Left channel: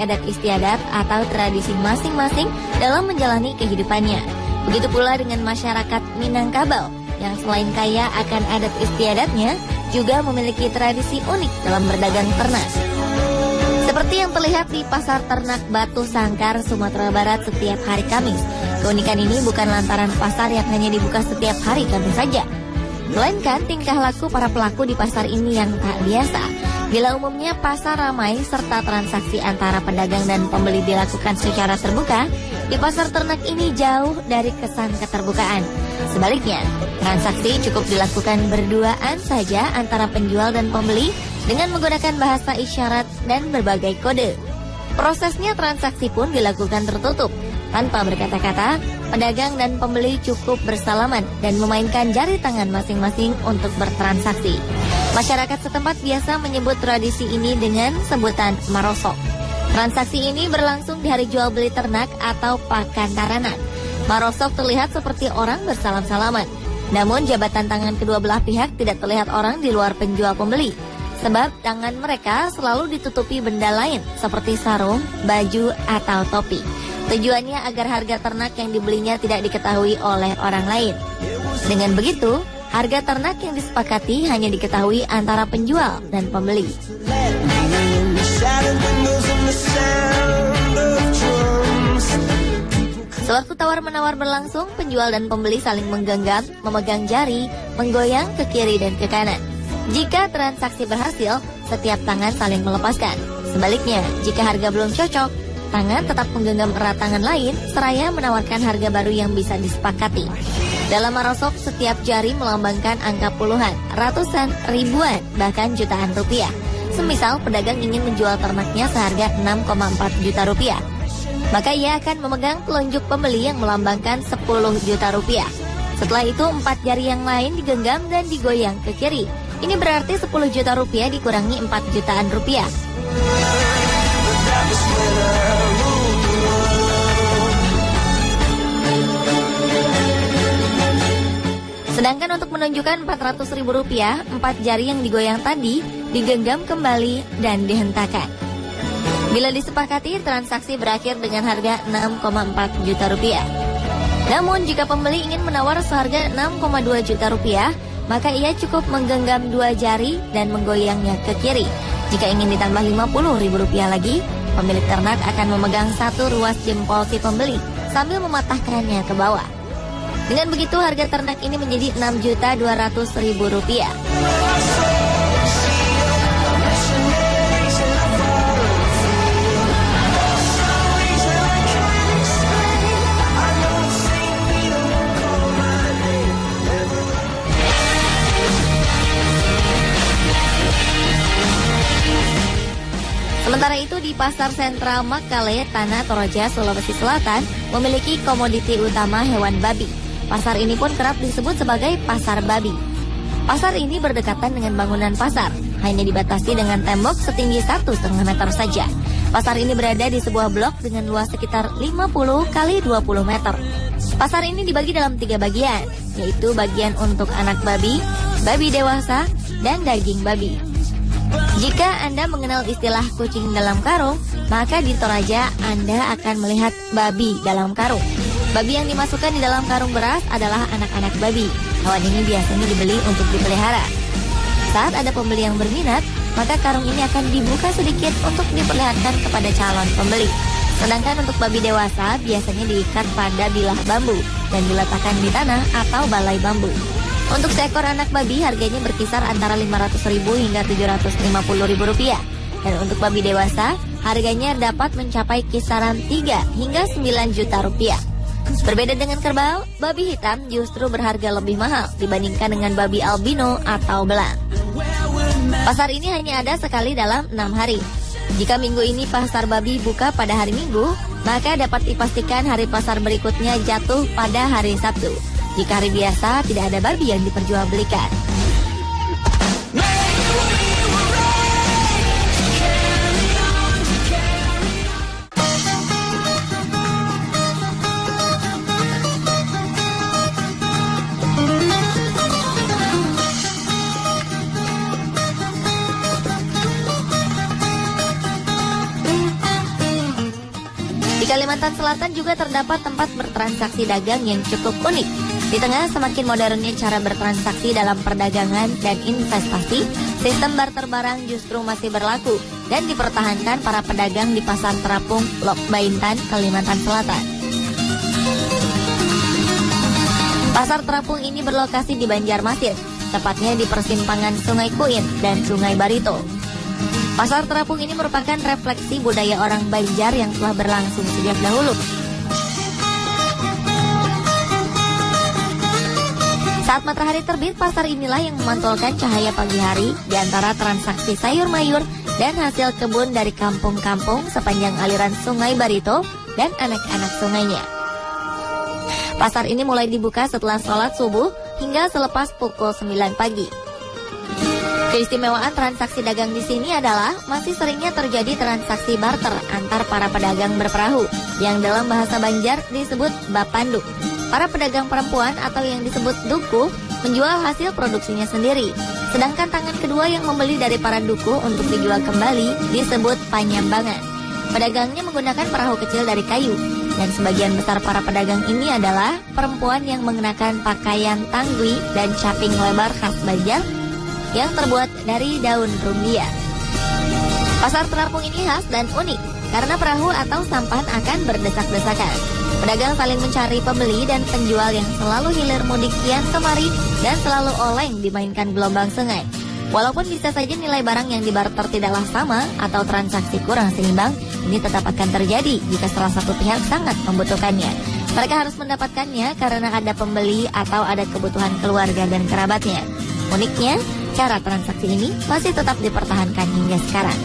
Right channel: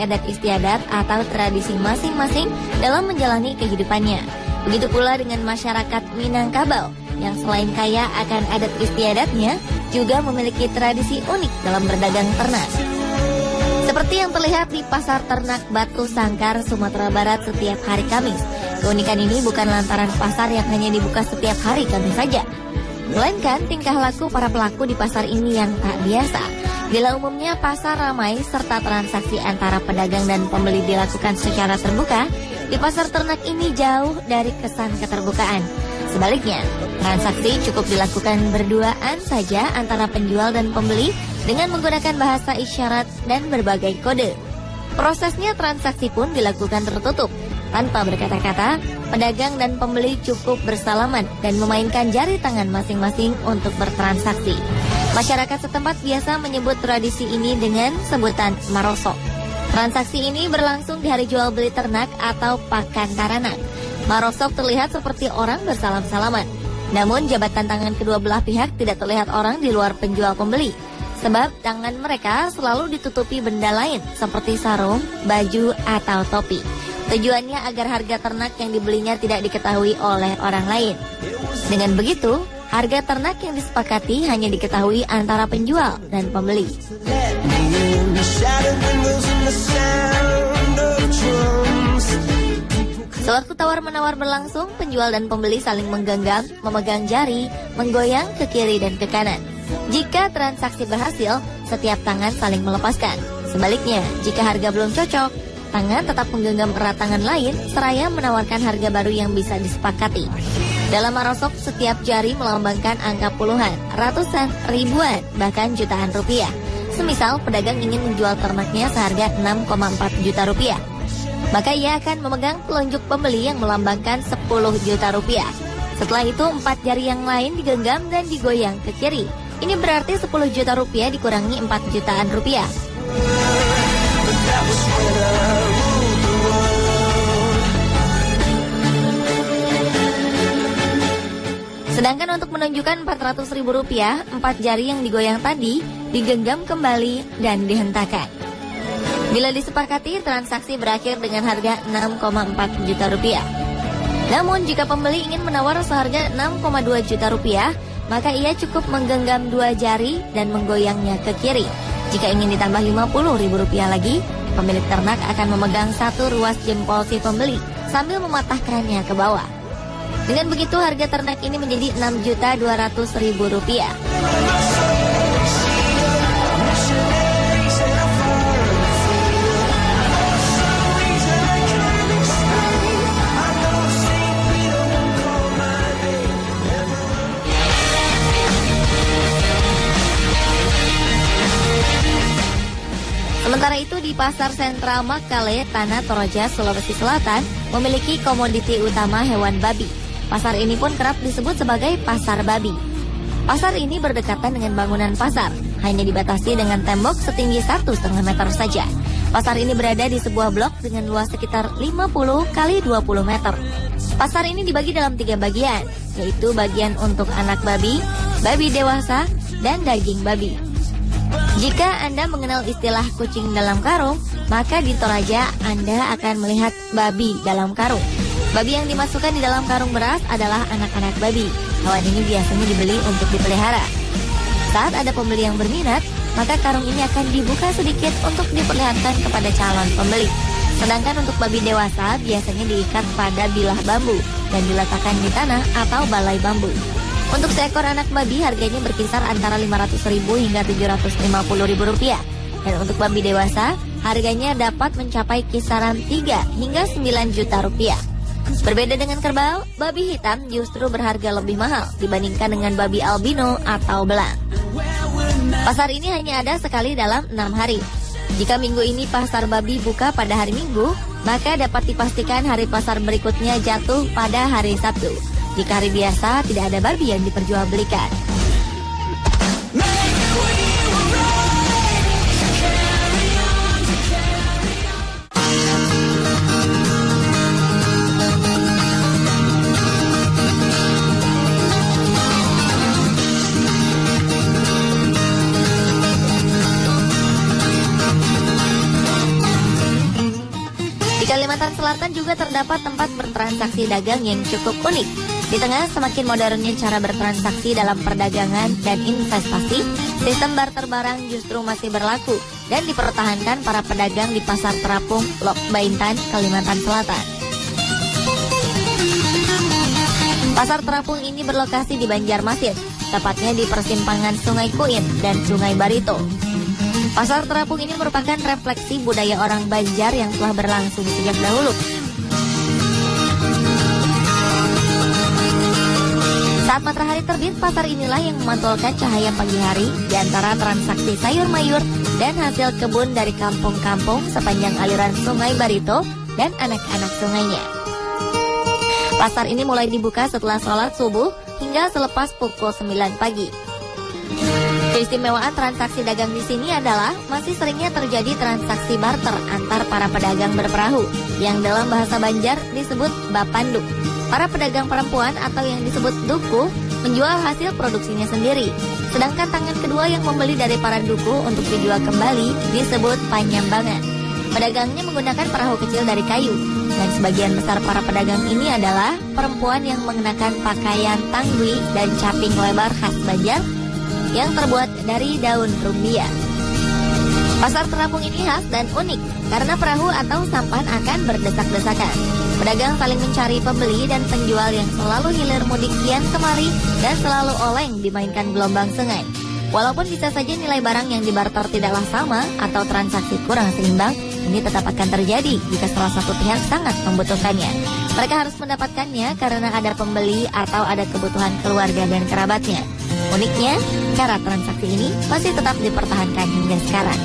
adat istiadat atau tradisi masing-masing dalam menjalani kehidupannya. Begitu pula dengan masyarakat Minangkabau yang selain kaya akan adat istiadatnya, juga memiliki tradisi unik dalam berdagang ternak. Seperti yang terlihat di Pasar Ternak Batu Sangkar, Sumatera Barat setiap hari Kamis. Keunikan ini bukan lantaran pasar yang hanya dibuka setiap hari Kamis saja, melainkan tingkah laku para pelaku di pasar ini yang tak biasa. Bila umumnya pasar ramai serta transaksi antara pedagang dan pembeli dilakukan secara terbuka, di pasar ternak ini jauh dari kesan keterbukaan. Sebaliknya, transaksi cukup dilakukan berduaan saja antara penjual dan pembeli dengan menggunakan bahasa isyarat dan berbagai kode. Prosesnya transaksi pun dilakukan tertutup. Tanpa berkata-kata, pedagang dan pembeli cukup bersalaman dan memainkan jari tangan masing-masing untuk bertransaksi. Masyarakat setempat biasa menyebut tradisi ini dengan sebutan marosok. Transaksi ini berlangsung di hari jual beli ternak atau pakan taranak. Marosok terlihat seperti orang bersalam-salaman. Namun jabatan tangan kedua belah pihak tidak terlihat orang di luar penjual pembeli. Sebab tangan mereka selalu ditutupi benda lain seperti sarung, baju, atau topi. Tujuannya agar harga ternak yang dibelinya tidak diketahui oleh orang lain. Dengan begitu, harga ternak yang disepakati hanya diketahui antara penjual dan pembeli. Sewaktu tawar-menawar berlangsung, penjual dan pembeli saling menggenggam, memegang jari, menggoyang ke kiri dan ke kanan. Jika transaksi berhasil, setiap tangan saling melepaskan. Sebaliknya, jika harga belum cocok, tangan tetap menggenggam erat tangan lain, seraya menawarkan harga baru yang bisa disepakati. Dalam marosok, setiap jari melambangkan angka puluhan, ratusan, ribuan, bahkan jutaan rupiah. Semisal pedagang ingin menjual ternaknya seharga 6,4 juta rupiah, maka ia akan memegang telunjuk pembeli yang melambangkan 10 juta rupiah. Setelah itu, 4 jari yang lain digenggam dan digoyang ke kiri. Ini berarti 10 juta rupiah dikurangi 4 jutaan rupiah. Sedangkan untuk menunjukkan 400 ribu rupiah, 4 jari yang digoyang tadi digenggam kembali dan dihentakkan. Bila disepakati, transaksi berakhir dengan harga 6,4 juta rupiah. Namun jika pembeli ingin menawar seharga 6,2 juta rupiah, maka ia cukup menggenggam 2 jari dan menggoyangnya ke kiri. Jika ingin ditambah 50 ribu rupiah lagi, pemilik ternak akan memegang 1 ruas jempol si pembeli sambil mematahkannya ke bawah. Dengan begitu, harga ternak ini menjadi 6.200.000 rupiah. Sementara itu di Pasar Sentral Makale, Tanah Toraja, Sulawesi Selatan memiliki komoditi utama hewan babi. Pasar ini pun kerap disebut sebagai pasar babi. Pasar ini berdekatan dengan bangunan pasar, hanya dibatasi dengan tembok setinggi 1,5 meter saja. Pasar ini berada di sebuah blok dengan luas sekitar 50 kali 20 meter. Pasar ini dibagi dalam 3 bagian, yaitu bagian untuk anak babi, babi dewasa, dan daging babi. Jika Anda mengenal istilah kucing dalam karung, maka di Toraja Anda akan melihat babi dalam karung. Babi yang dimasukkan di dalam karung beras adalah anak-anak babi. Hewan ini biasanya dibeli untuk dipelihara. Saat ada pembeli yang berminat, maka karung ini akan dibuka sedikit untuk diperlihatkan kepada calon pembeli. Sedangkan untuk babi dewasa biasanya diikat pada bilah bambu dan diletakkan di tanah atau balai bambu. Untuk seekor anak babi harganya berkisar antara 500.000 hingga 750.000 rupiah. Dan untuk babi dewasa harganya dapat mencapai kisaran 3 hingga 9 juta rupiah. Berbeda dengan kerbau, babi hitam justru berharga lebih mahal dibandingkan dengan babi albino atau belang. Pasar ini hanya ada sekali dalam 6 hari. Jika minggu ini pasar babi buka pada hari Minggu, maka dapat dipastikan hari pasar berikutnya jatuh pada hari Sabtu. Jika hari biasa, tidak ada babi yang diperjualbelikan. Di Kalimantan Selatan juga terdapat tempat bertransaksi dagang yang cukup unik. Di tengah semakin modernnya cara bertransaksi dalam perdagangan dan investasi, sistem barter barang justru masih berlaku dan dipertahankan para pedagang di Pasar Terapung, Lok Baintan, Kalimantan Selatan. Pasar Terapung ini berlokasi di Banjarmasin, tepatnya di persimpangan Sungai Kuit dan Sungai Barito. Pasar Terapung ini merupakan refleksi budaya orang Banjar yang telah berlangsung sejak dahulu. Saat matahari terbit, pasar inilah yang memantulkan cahaya pagi hari di antara transaksi sayur mayur dan hasil kebun dari kampung-kampung sepanjang aliran Sungai Barito dan anak-anak sungainya. Pasar ini mulai dibuka setelah sholat subuh hingga selepas pukul 9 pagi. Keistimewaan transaksi dagang di sini adalah masih seringnya terjadi transaksi barter antar para pedagang berperahu yang dalam bahasa Banjar disebut bapanduk. Para pedagang perempuan atau yang disebut duku menjual hasil produksinya sendiri. Sedangkan tangan kedua yang membeli dari para duku untuk dijual kembali disebut panyambangan. Pedagangnya menggunakan perahu kecil dari kayu. Dan sebagian besar para pedagang ini adalah perempuan yang mengenakan pakaian tangwi dan caping lebar khas Banjar yang terbuat dari daun rumbia. Pasar Terapung ini khas dan unik karena perahu atau sampan akan berdesak-desakan. Pedagang saling mencari pembeli dan penjual yang selalu hilir mudik kian kemari dan selalu oleng dimainkan gelombang sungai. Walaupun bisa saja nilai barang yang dibarter tidaklah sama atau transaksi kurang seimbang, ini tetap akan terjadi jika salah satu pihak sangat membutuhkannya. Mereka harus mendapatkannya karena ada pembeli atau ada kebutuhan keluarga dan kerabatnya. Uniknya, cara transaksi ini masih tetap dipertahankan hingga sekarang.